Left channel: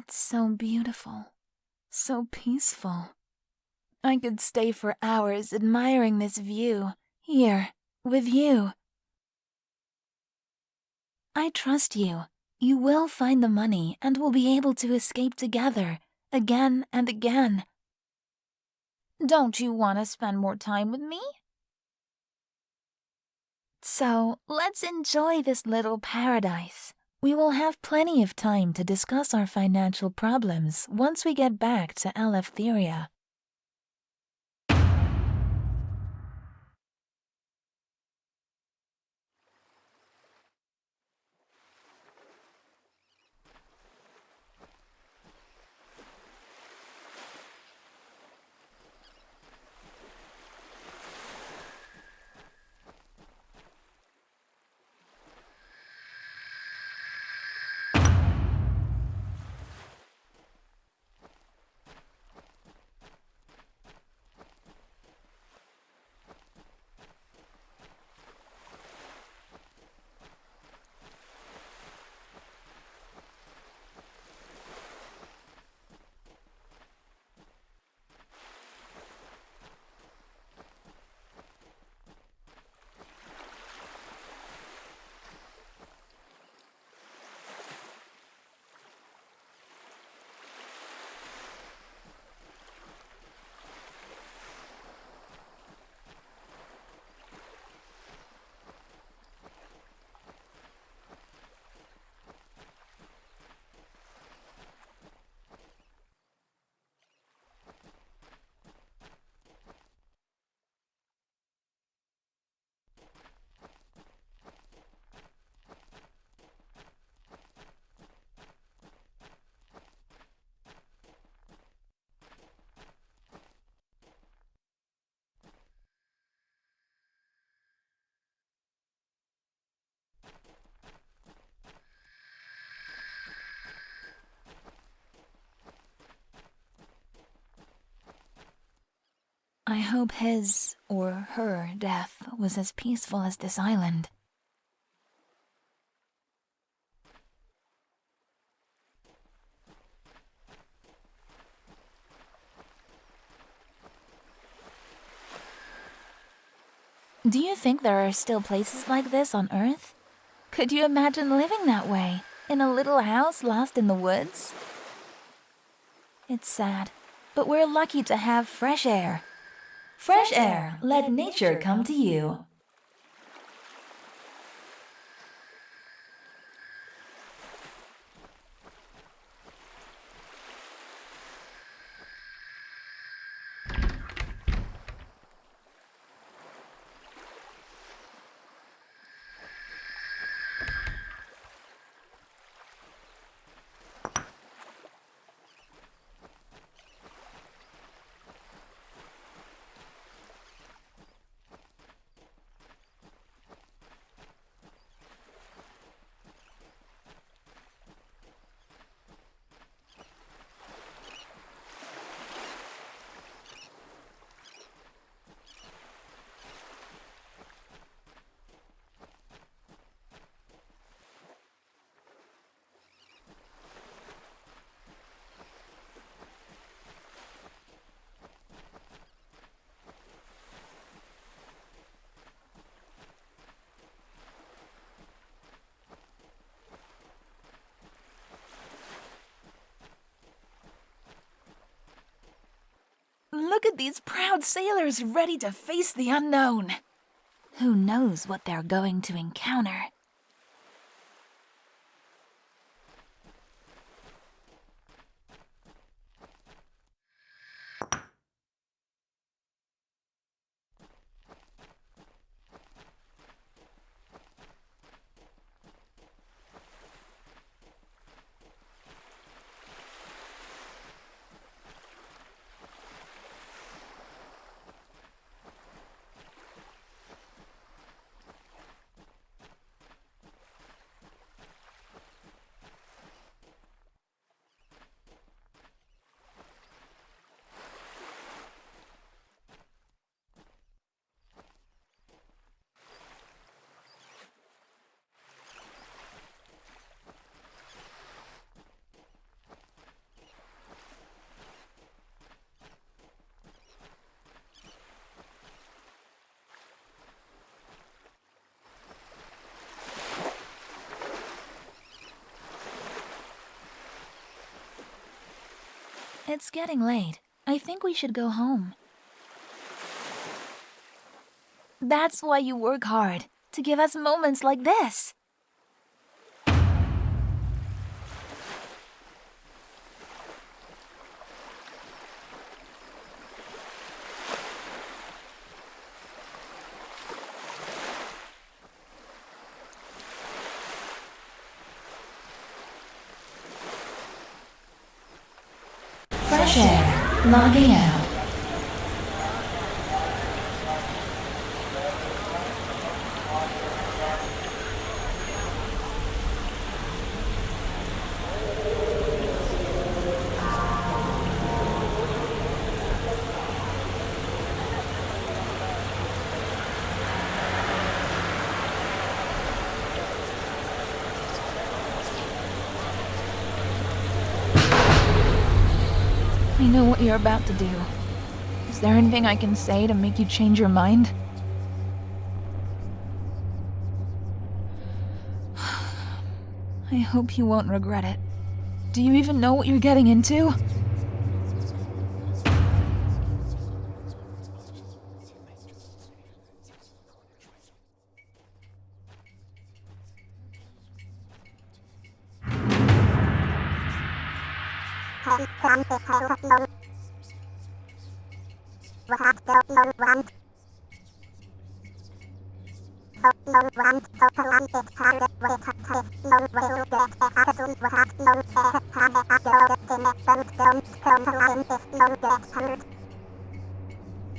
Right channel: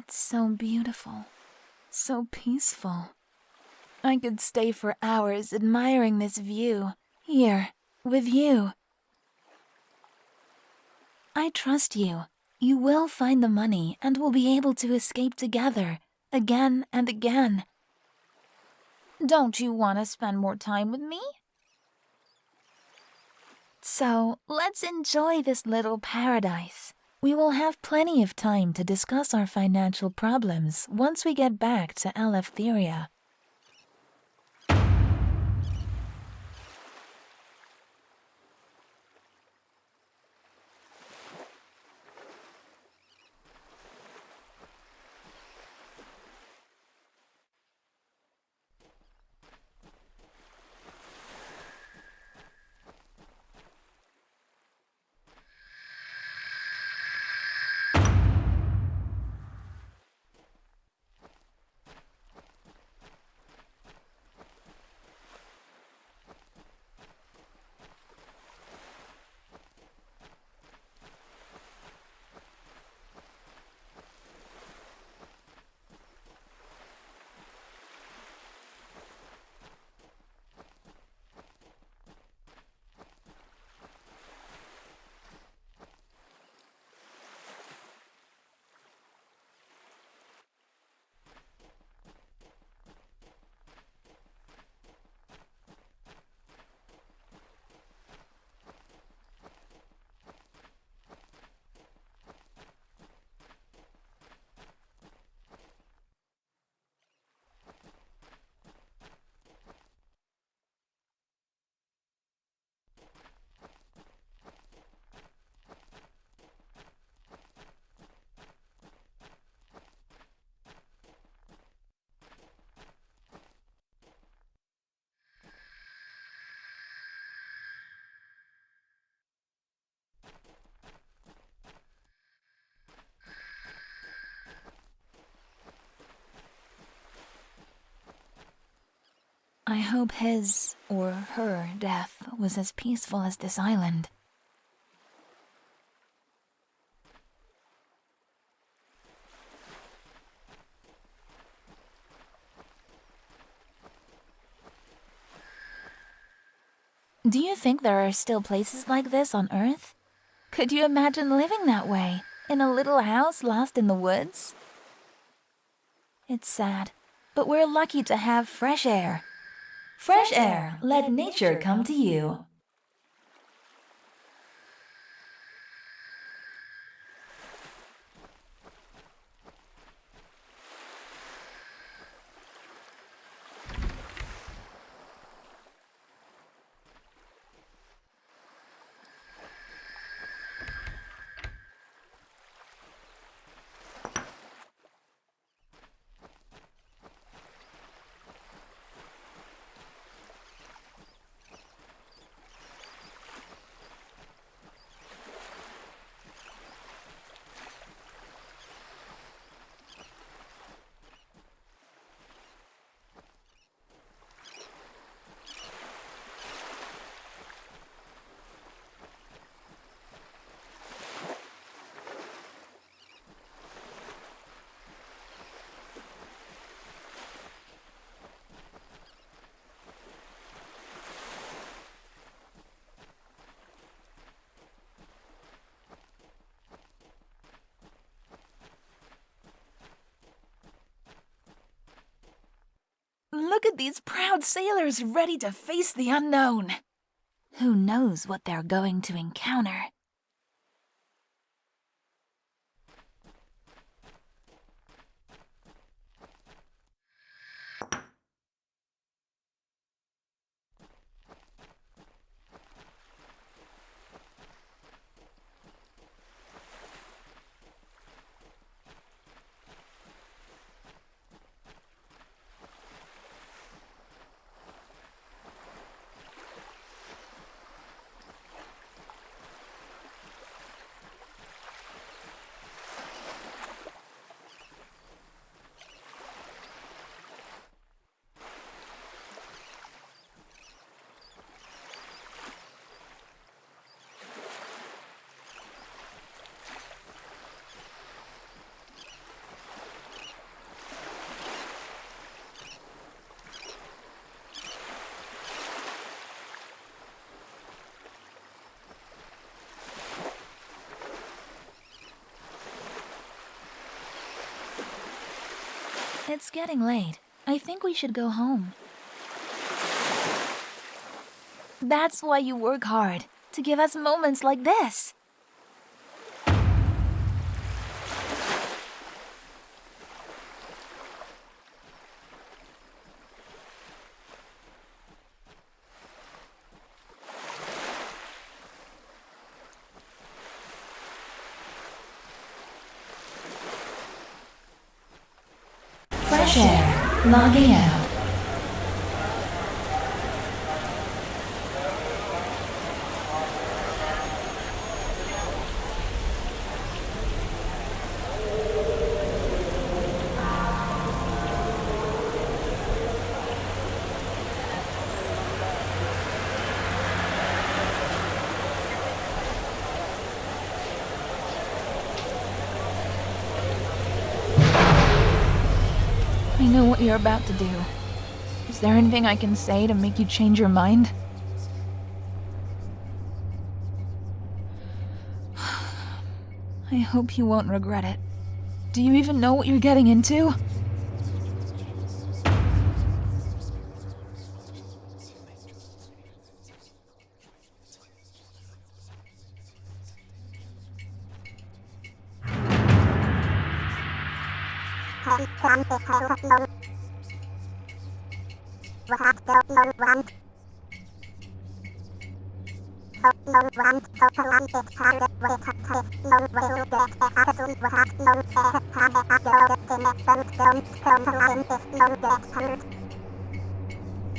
It's so beautiful, so peaceful. I could stay for hours admiring this view, here, with you. I trust you. You will find the money and we'll be able to escape together, again and again. Don't you want to spend more time with me? So, let's enjoy this little paradise. We will have plenty of time to discuss our financial problems once we get back to Eleftheria. I hope his or her death was as peaceful as this island. Do you think there are still places like this on Earth? Could you imagine living that way, in a little house lost in the woods? It's sad, but we're lucky to have fresh air. Fresh air, let nature come to you. Look at these proud sailors ready to face the unknown. Who knows what they're going to encounter? It's getting late. I think we should go home. That's why you work hard, to give us moments like this. Fresh air, logging out. I know what you're about to do. Is there anything I can say to make you change your mind? I hope you won't regret it. Do you even know what you're getting into?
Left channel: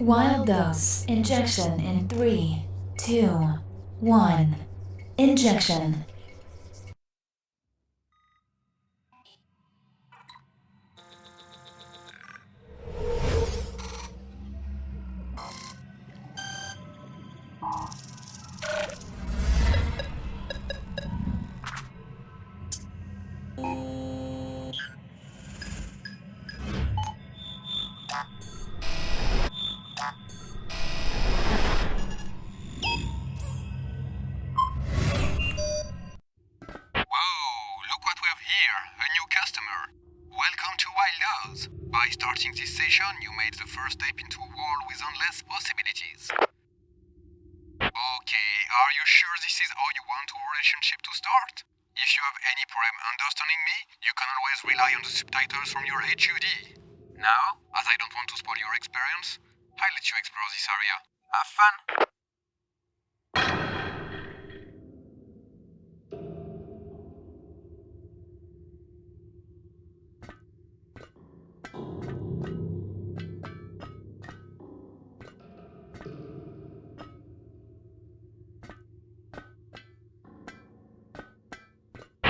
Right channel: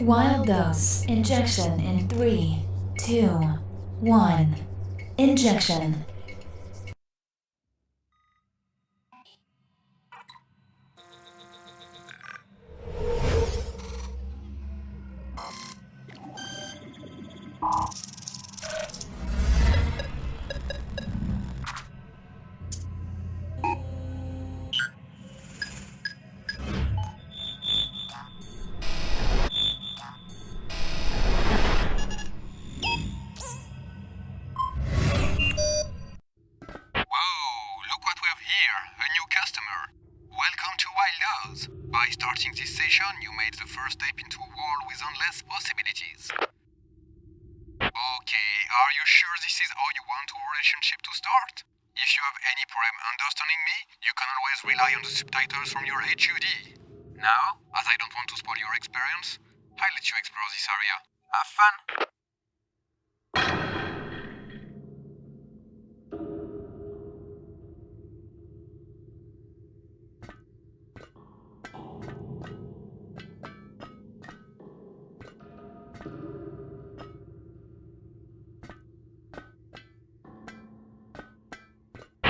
Wild dose. Injection in 3, 2, 1. Injection. Look what we have here, a new customer. Welcome to Wild House. By starting this session, you made the first step into a world with endless possibilities. Okay, are you sure this is how you want your relationship to start? If you have any problem understanding me, you can always rely on the subtitles from your HUD. Now, as I don't want to spoil your experience, I'll let you explore this area. Have fun!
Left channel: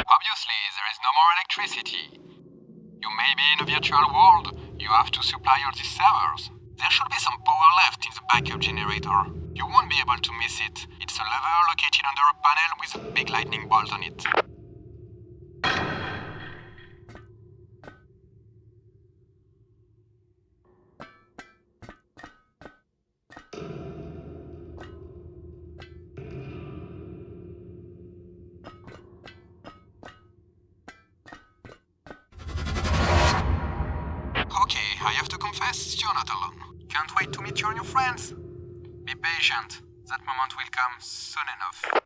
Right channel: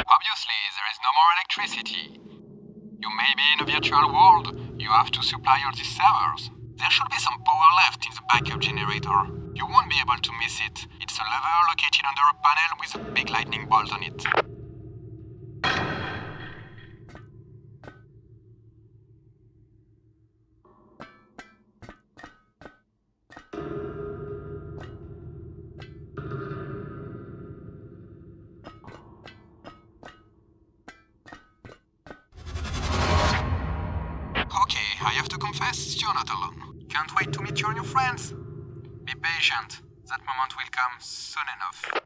Obviously, there is no more electricity. You may be in a virtual world. You have to supply all these servers. There should be some power left in the backup generator. You won't be able to miss it. It's a lever located under a panel with a big lightning bolt on it. Okay, I have to confess, you're not alone. Can't wait to meet you and your friends. Be patient. That moment will come soon enough.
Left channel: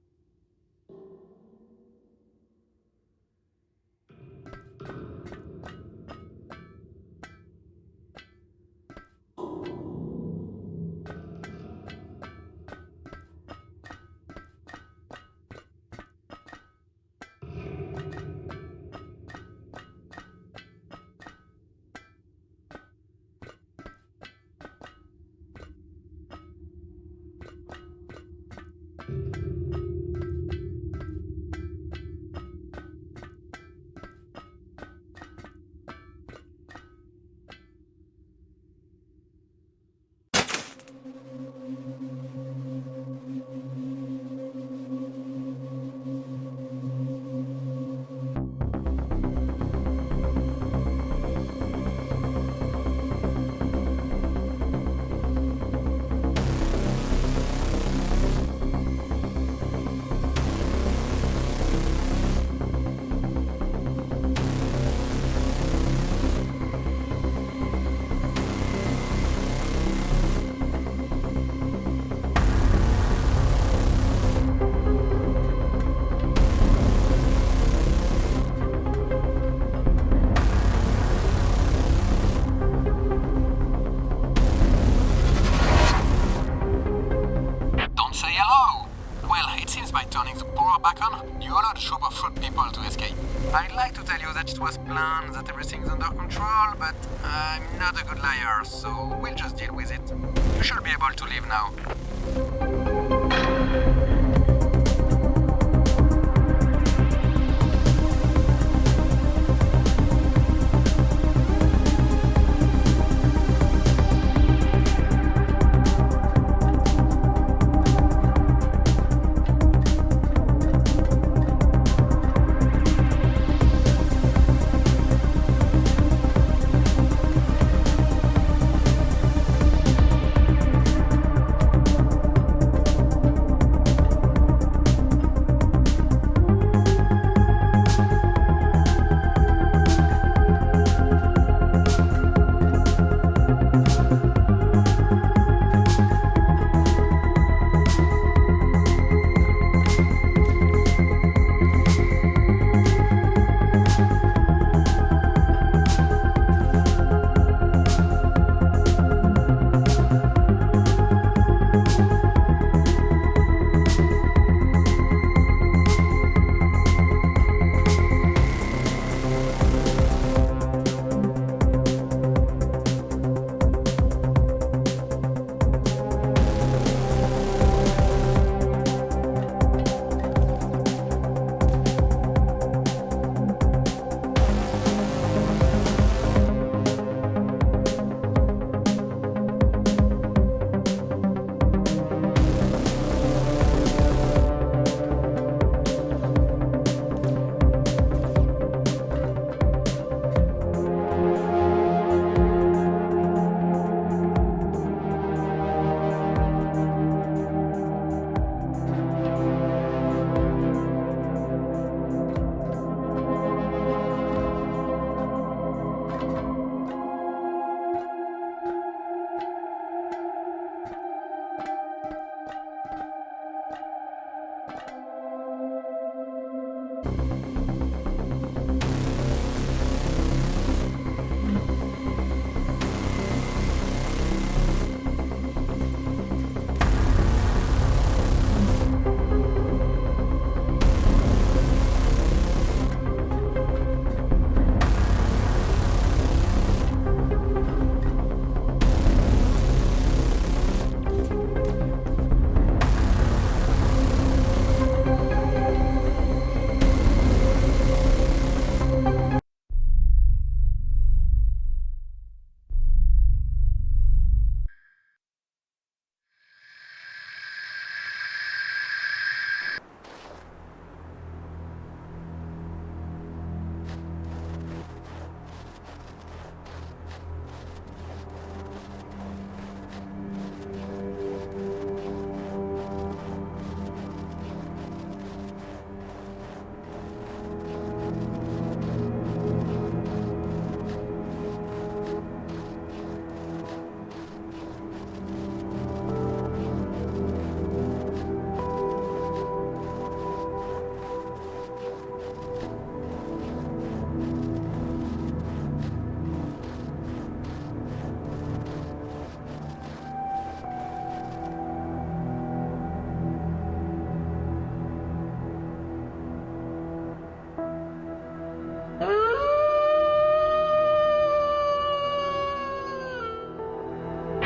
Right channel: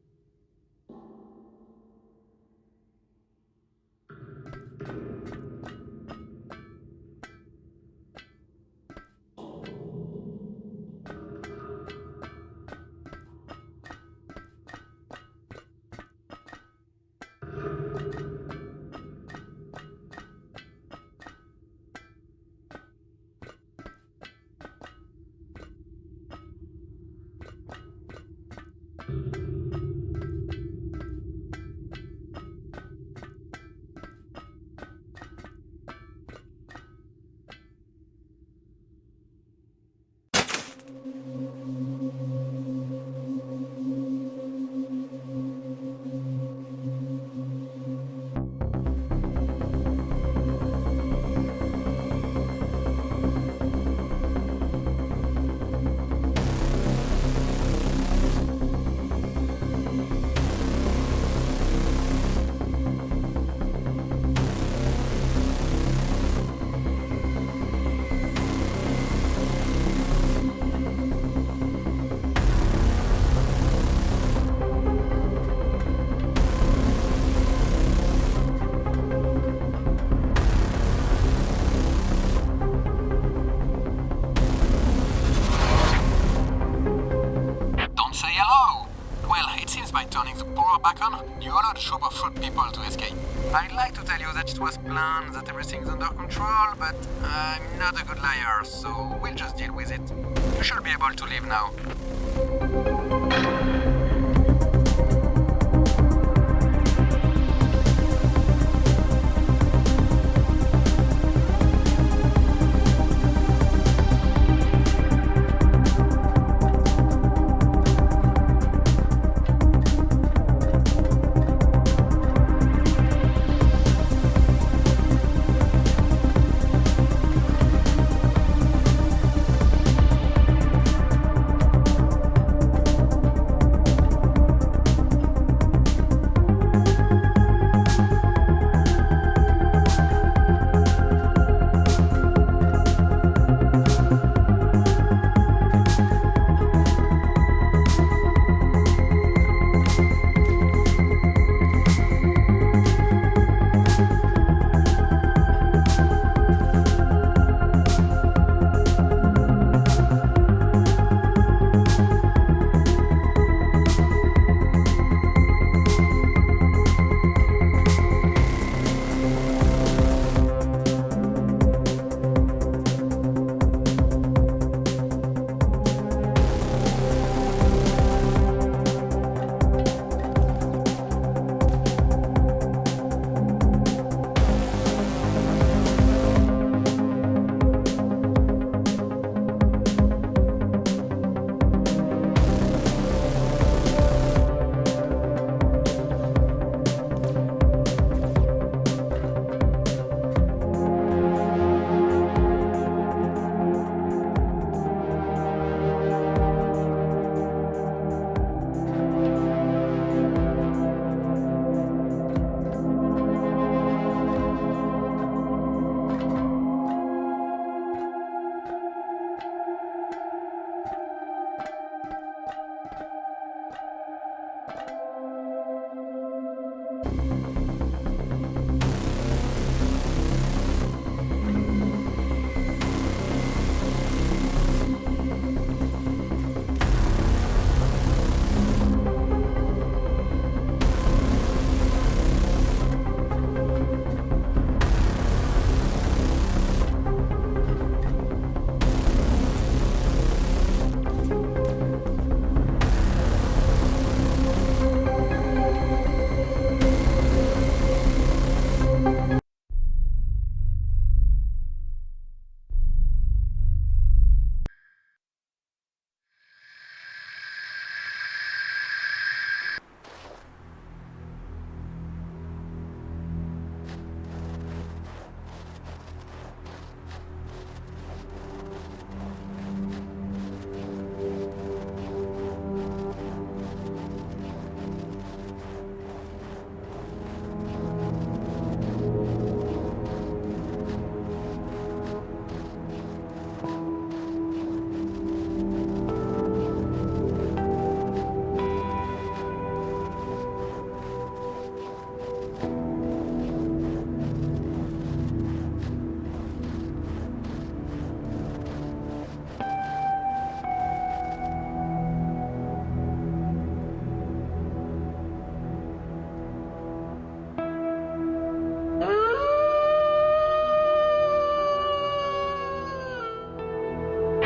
Kraken, you allowed a troop of fruit people to escape. I'd like to tell you that it was planned, that everything's under control, but I'm not a good liar, so we'll just deal with it. You should be able to leave now.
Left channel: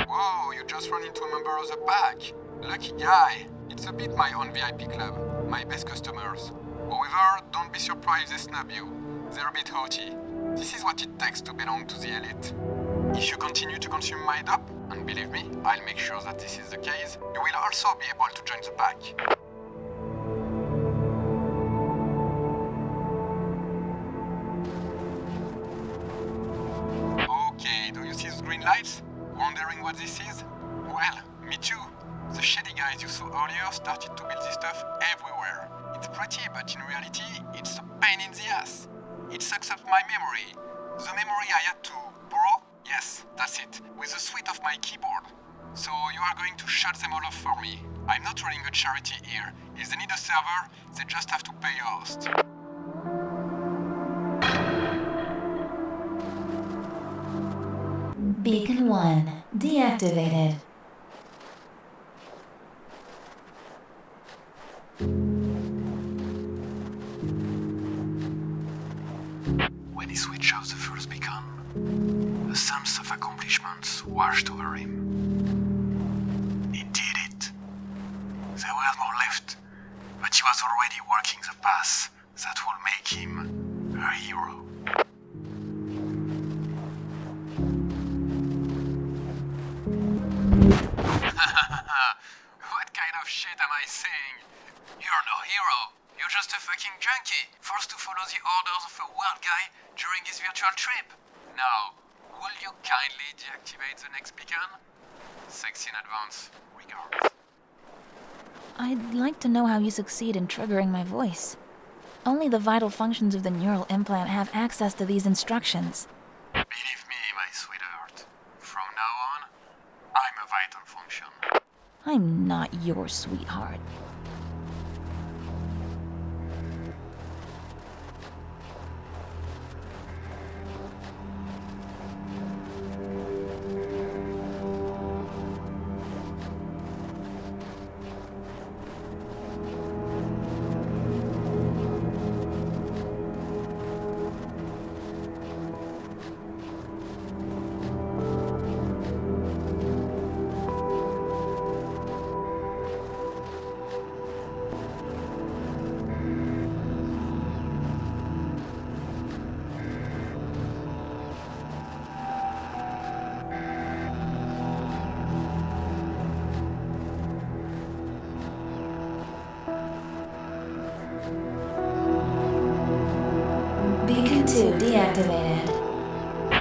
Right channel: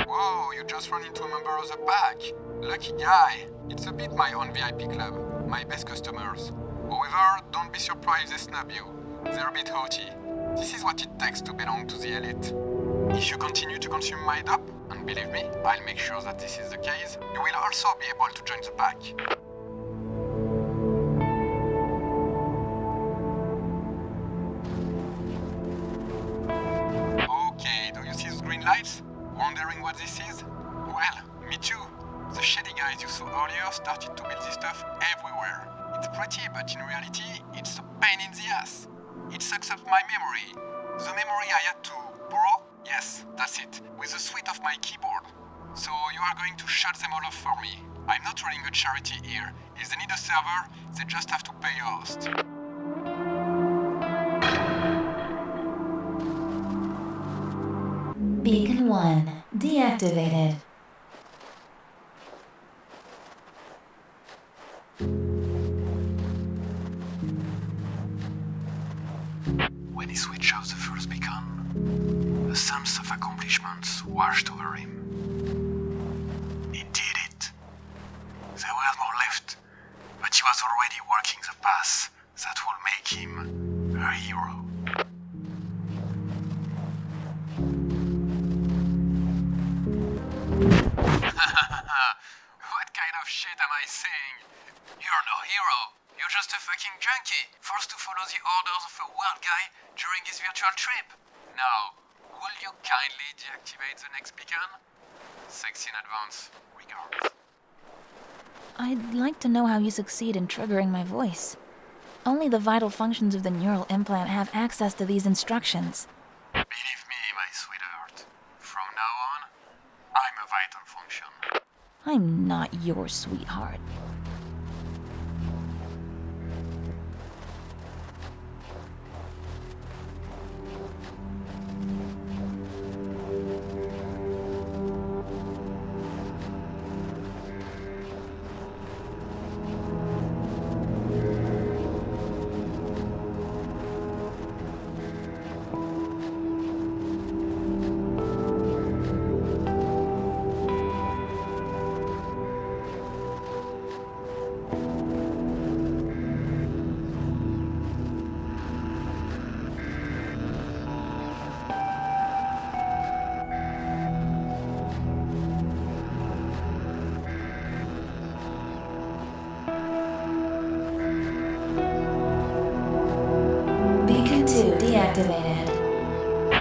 Whoa, you just run into a member of the pack. Lucky guy. It's a bit my own VIP club, my best customers. However, don't be surprised they snub you. They're a bit haughty. This is what it takes to belong to the elite. If you continue to consume my dope, and believe me, I'll make sure that this is the case, you will also be able to join the pack. Okay, do you see the green lights? Wondering what this is? Well, me too. The shady guys you saw earlier started to build this stuff everywhere. It's pretty, but in reality, it's a pain in the ass. It sucks up my memory. The memory I had to borrow? Yes, that's it, with the suite of my keyboard. So you are going to shut them all off for me. I'm not running a charity here. If they need a server, they just have to pay a host. Beacon 1 deactivated. When he switched off the first beacon, a sense of accomplishment washed over him. He did it. There was more left, but he was already walking the path that will make him a hero. What kind of shit am I saying? You're no hero. You're just a fucking junkie, forced to follow the orders of a wild guy during his virtual trip. Now, will you kindly deactivate the next beacon? Thanks in advance. Regards. I'd like to know how you succeed in triggering my voice. Only the vital functions of the neural implant have access to these instructions. Believe me, my sweetheart. From now on, I'm a vital function. I'm not your sweetheart. Beacon 2 deactivated.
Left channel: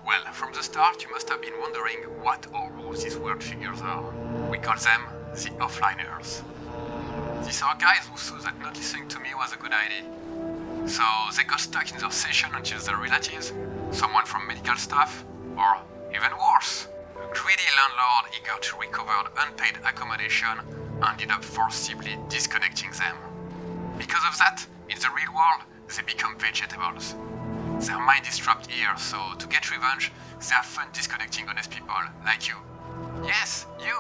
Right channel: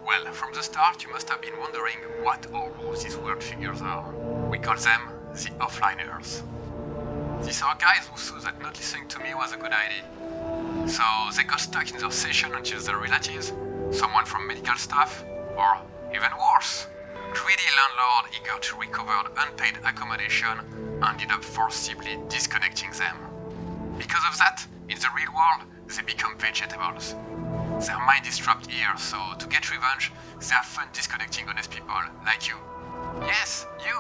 Well, from the start, you must have been wondering what or who these weird figures are. We call them the offliners. These are guys who saw that not listening to me was a good idea. So they got stuck in their session until their relatives, someone from medical staff, or even worse, a greedy landlord eager to recover unpaid accommodation ended up forcibly disconnecting them. Because of that, in the real world, they become vegetables. Their mind is trapped here, so to get revenge, they have fun disconnecting honest people like you. Yes, you!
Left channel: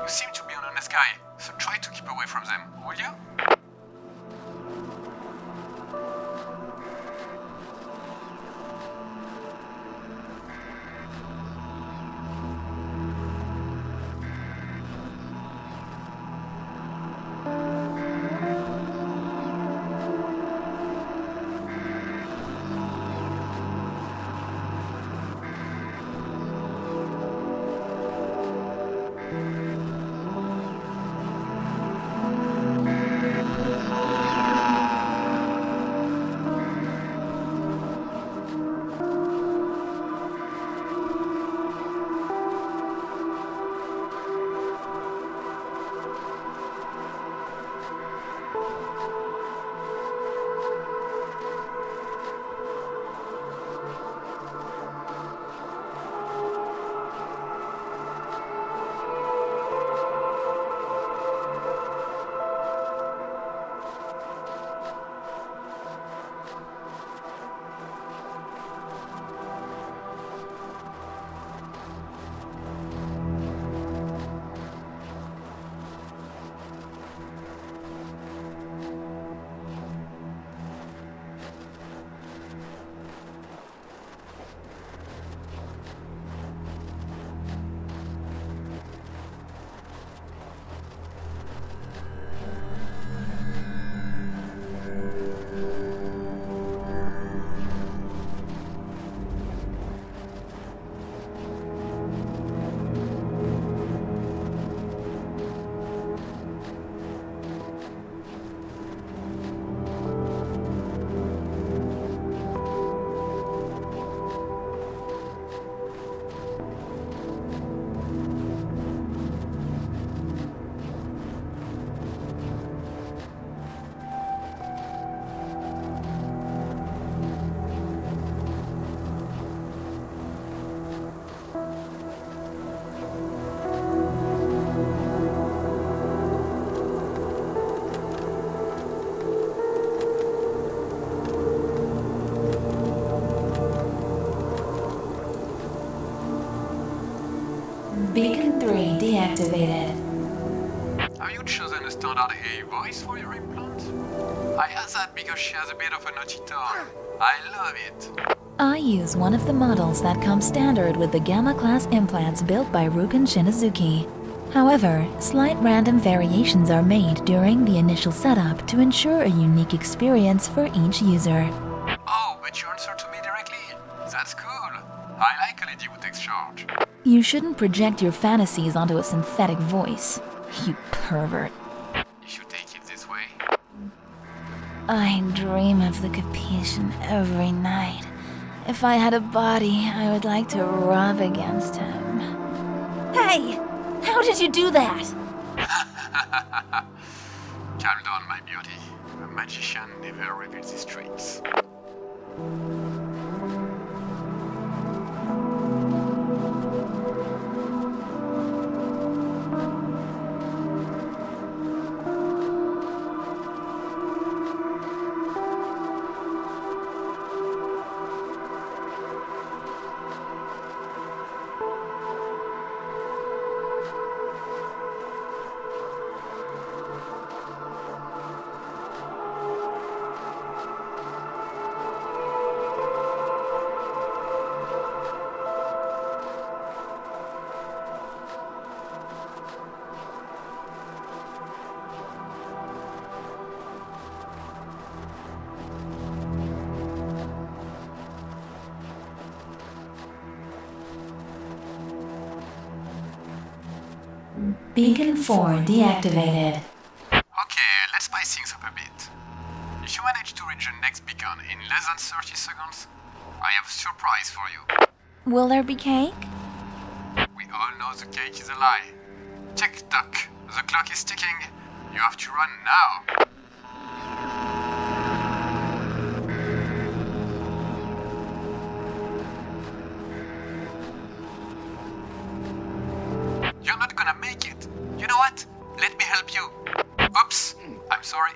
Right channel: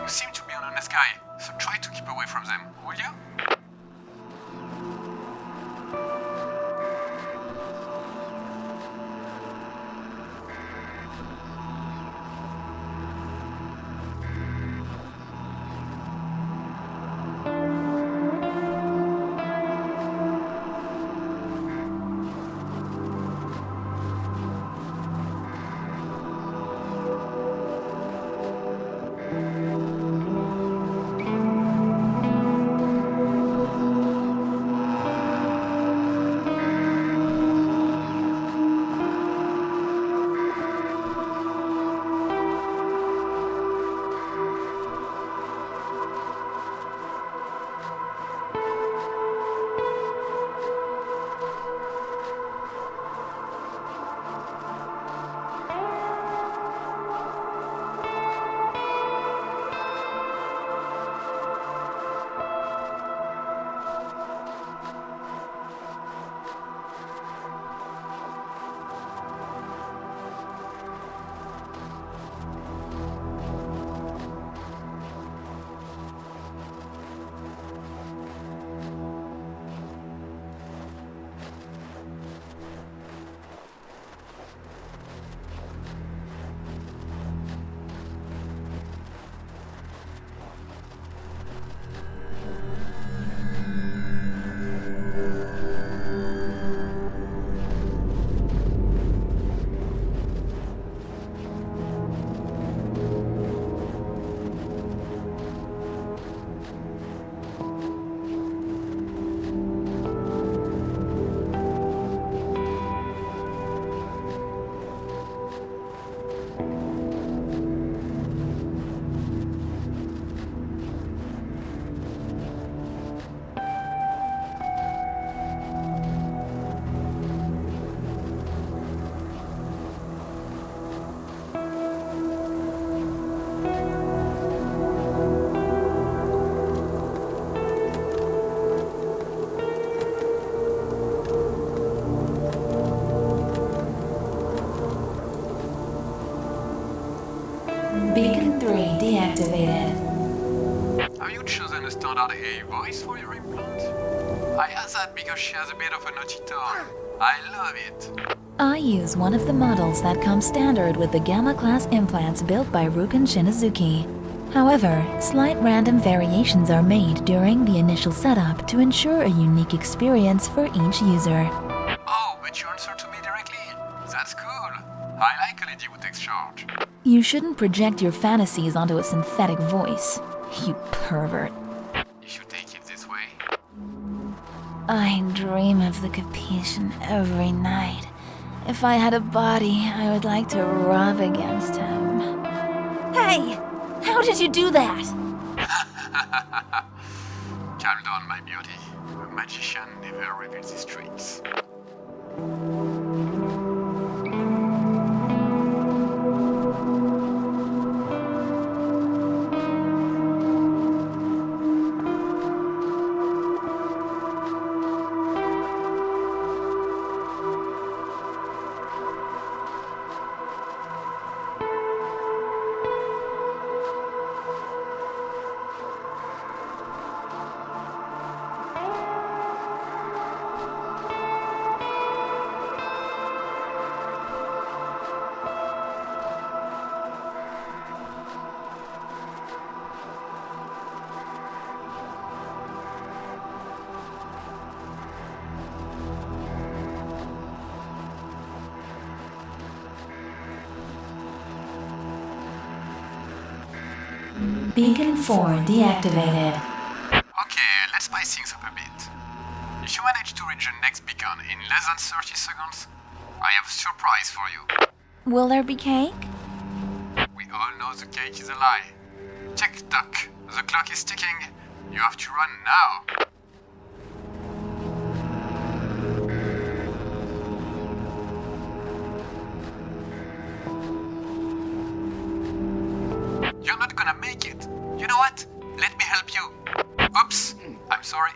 You seem to be an honest guy, so try to keep away from them, will you? Beacon 3 deactivated. Have you chosen a standard AI voice for your implant? I asked that because she has a bit of a naughty tone. I love it. I use one of the models that comes standard with the Gamma-class implants built by Ruken Shinazuki. However, slight random variations are made during the initial setup to ensure a unique experience for each user. Oh, but you answer to me directly. That's cool. I like a lady who takes charge. You shouldn't project your fantasies onto a synthetic voice, you pervert. You should take it this way. I dream of the Capuchin every night. If I had a body, I would like to rub against him. Hey! How did you do that? Calm down, my beauty. A magician never reveals his tricks. Beacon 4 deactivated. Okay, let's spice things up a bit. If you manage to reach the next beacon in less than 30 seconds, I have a surprise for you. Will there be cake? We all know the cake is a lie. Tick-tock, the clock is ticking. You have to run now. You're not gonna make it. You know what? Let me help you. Oops, I'm sorry.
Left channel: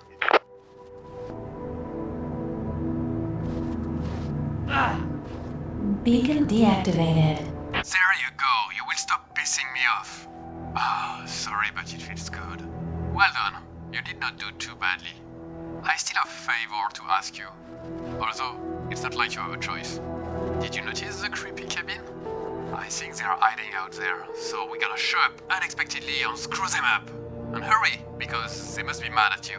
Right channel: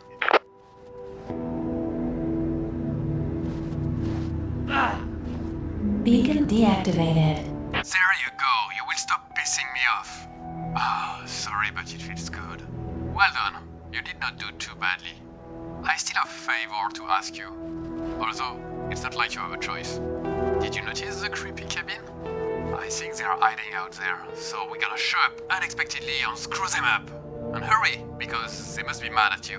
Beacon deactivated. There you go. You will stop pissing me off. Ah, sorry, but it feels good. Well done. You did not do too badly. I still have a favor to ask you. Although, it's not like you have a choice. Did you notice the creepy cabin? I think they are hiding out there, so we gotta show up unexpectedly and screw them up. And hurry, because they must be mad at you.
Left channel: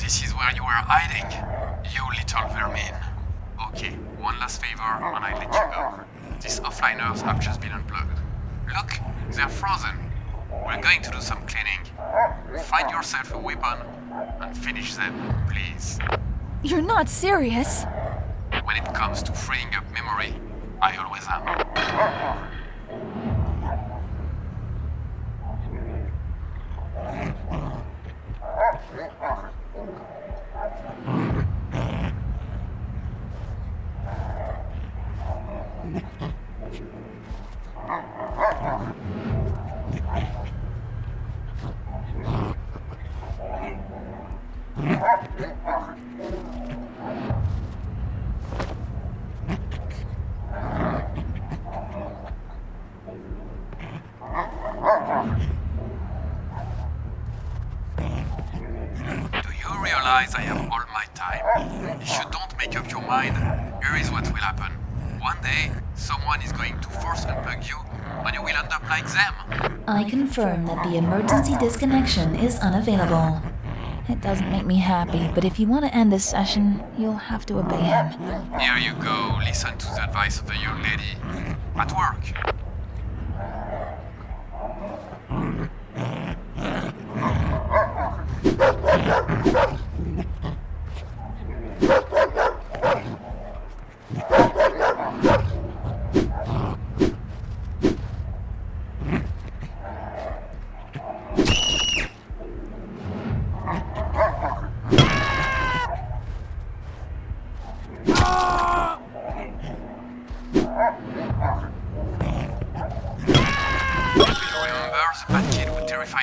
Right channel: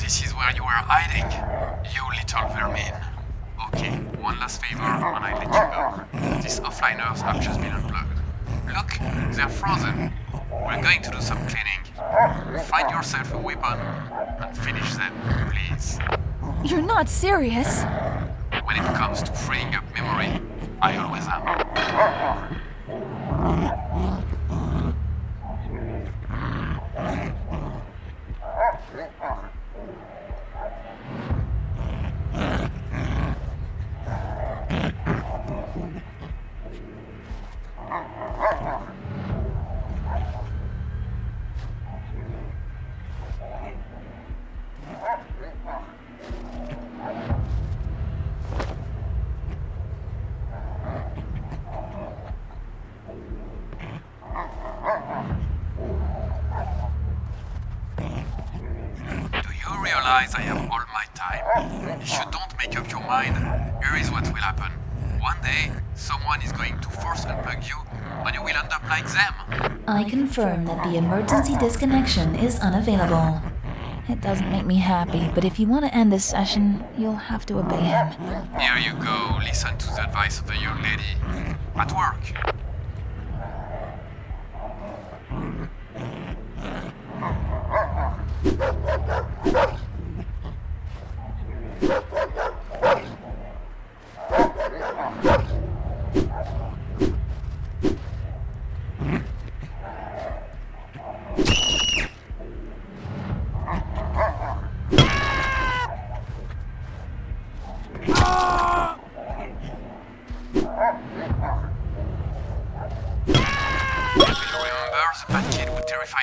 this is where you were hiding. You little vermin. Okay, one last favor and I let you go. These offliners have just been unplugged. Look, they're frozen. We're going to do some cleaning. Find yourself a weapon and finish them, please. You're not serious. When it comes to freeing up memory, I always am. I have all my time. If you don't make up your mind, here is what will happen. One day, someone is going to force unplug you, and you will end up like them. I confirm that the emergency disconnection is unavailable. It doesn't make me happy, but if you want to end this session, you'll have to obey him. Here you go. Listen to the advice of the young lady. At work.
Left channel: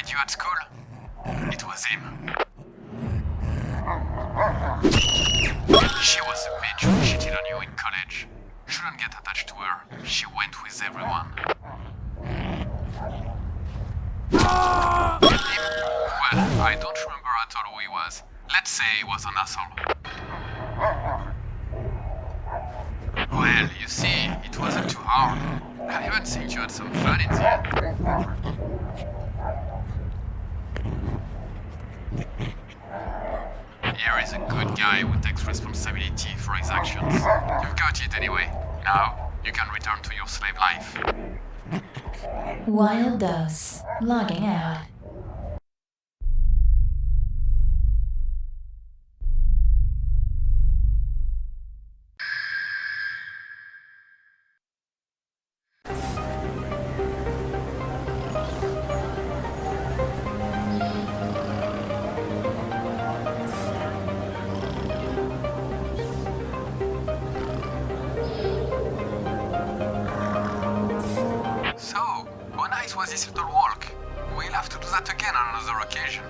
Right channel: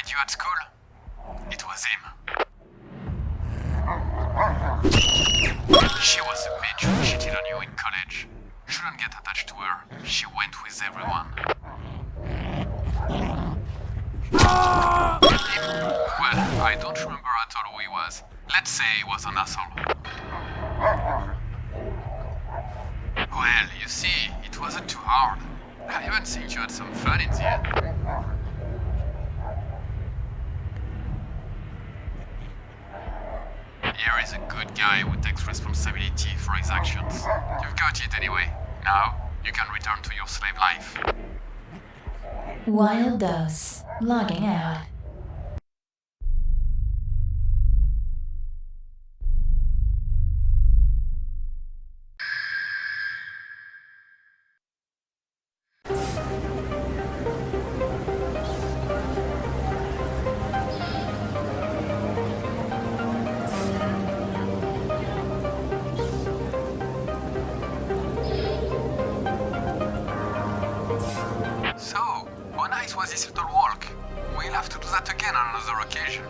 You at school? It was him. She was the bitch who cheated on you in college. Shouldn't get attached to her. She went with everyone. Well, I don't remember at all who he was. Let's say he was an asshole. Well, you see, it wasn't too hard. I even think you had some fun in the end. Here is a good guy who takes responsibility for his actions. You've got it anyway. Now, you can return to your slave life. Wild Dose. Logging out. So, how nice was this little walk? We'll have to do that again on another occasion.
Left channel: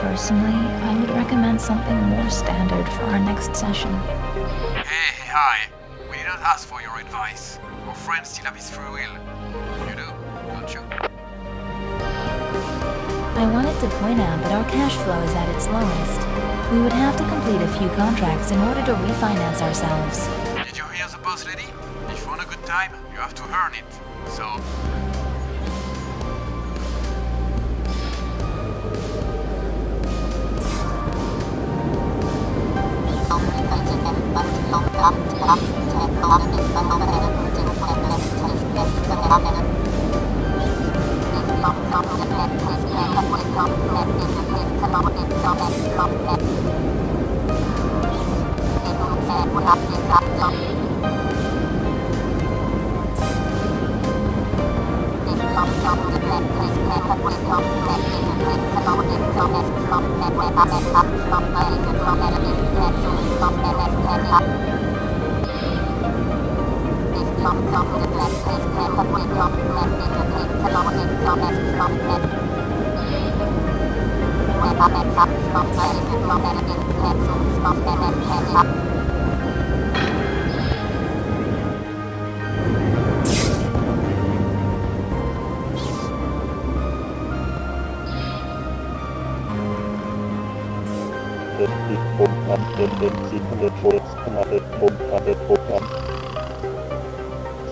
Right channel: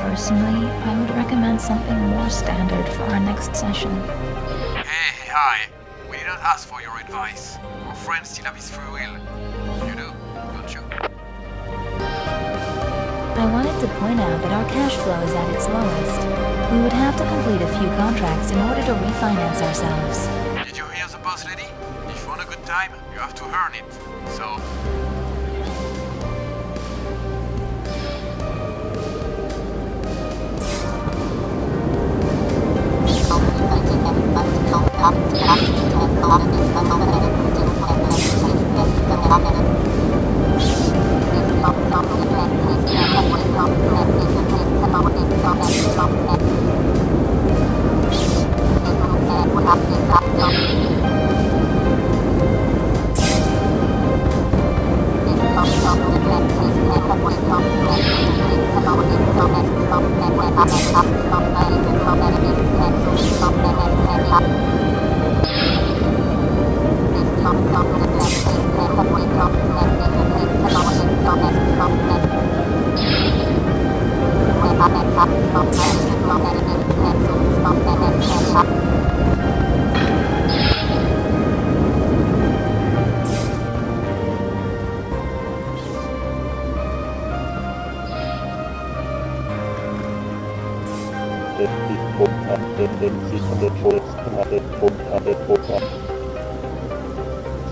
Personally, I would recommend something more standard for our next session. Hey, hi. We didn't ask for your advice. Our friend still have his free will. You do, don't you? I wanted to point out that our cash flow is at its lowest. We would have to complete a few contracts in order to refinance ourselves. Did you hear the boss lady? If you want a good time, you have to earn it. So...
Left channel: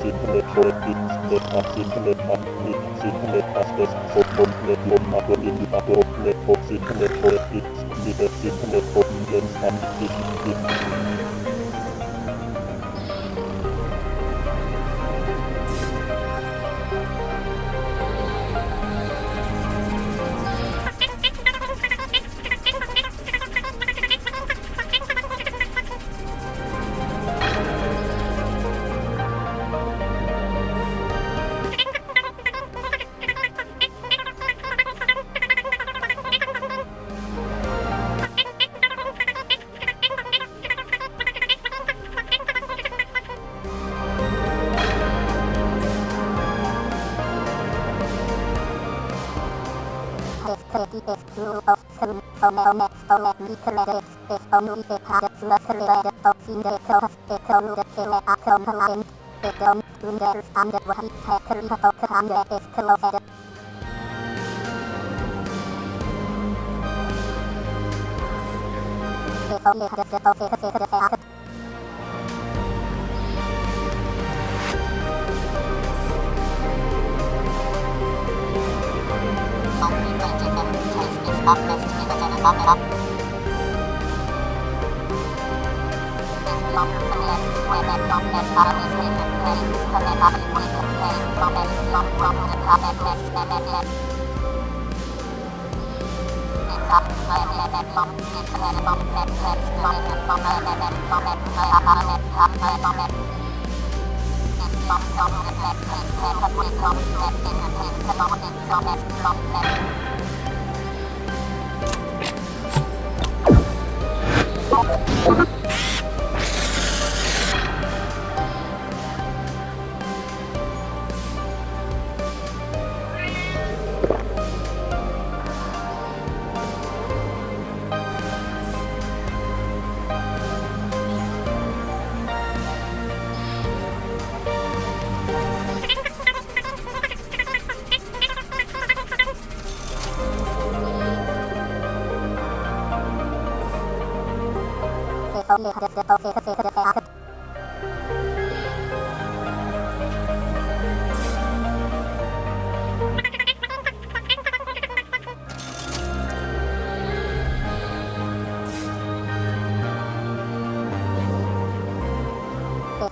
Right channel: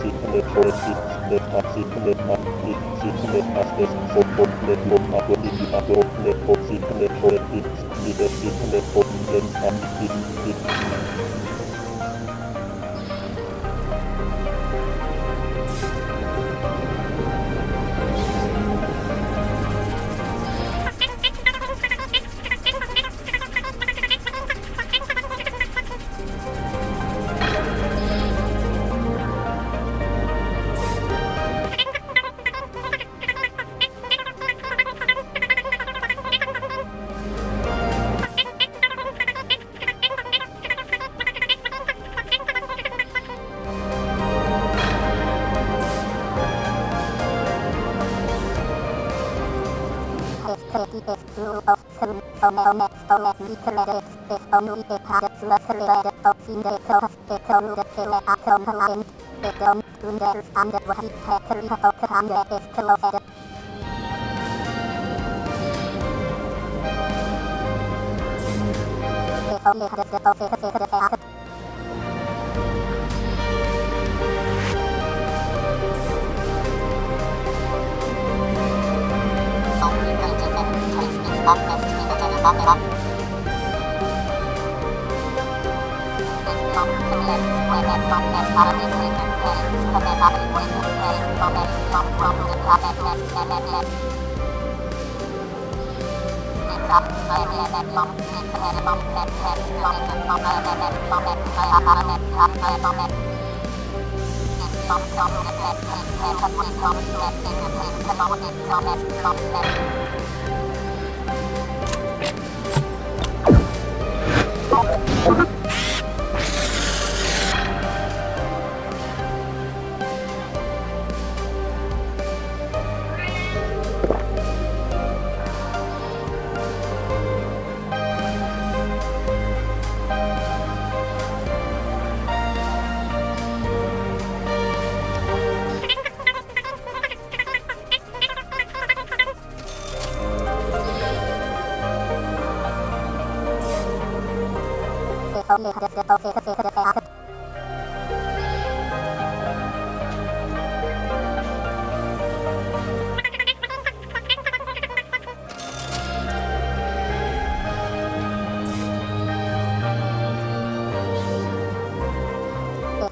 Okay.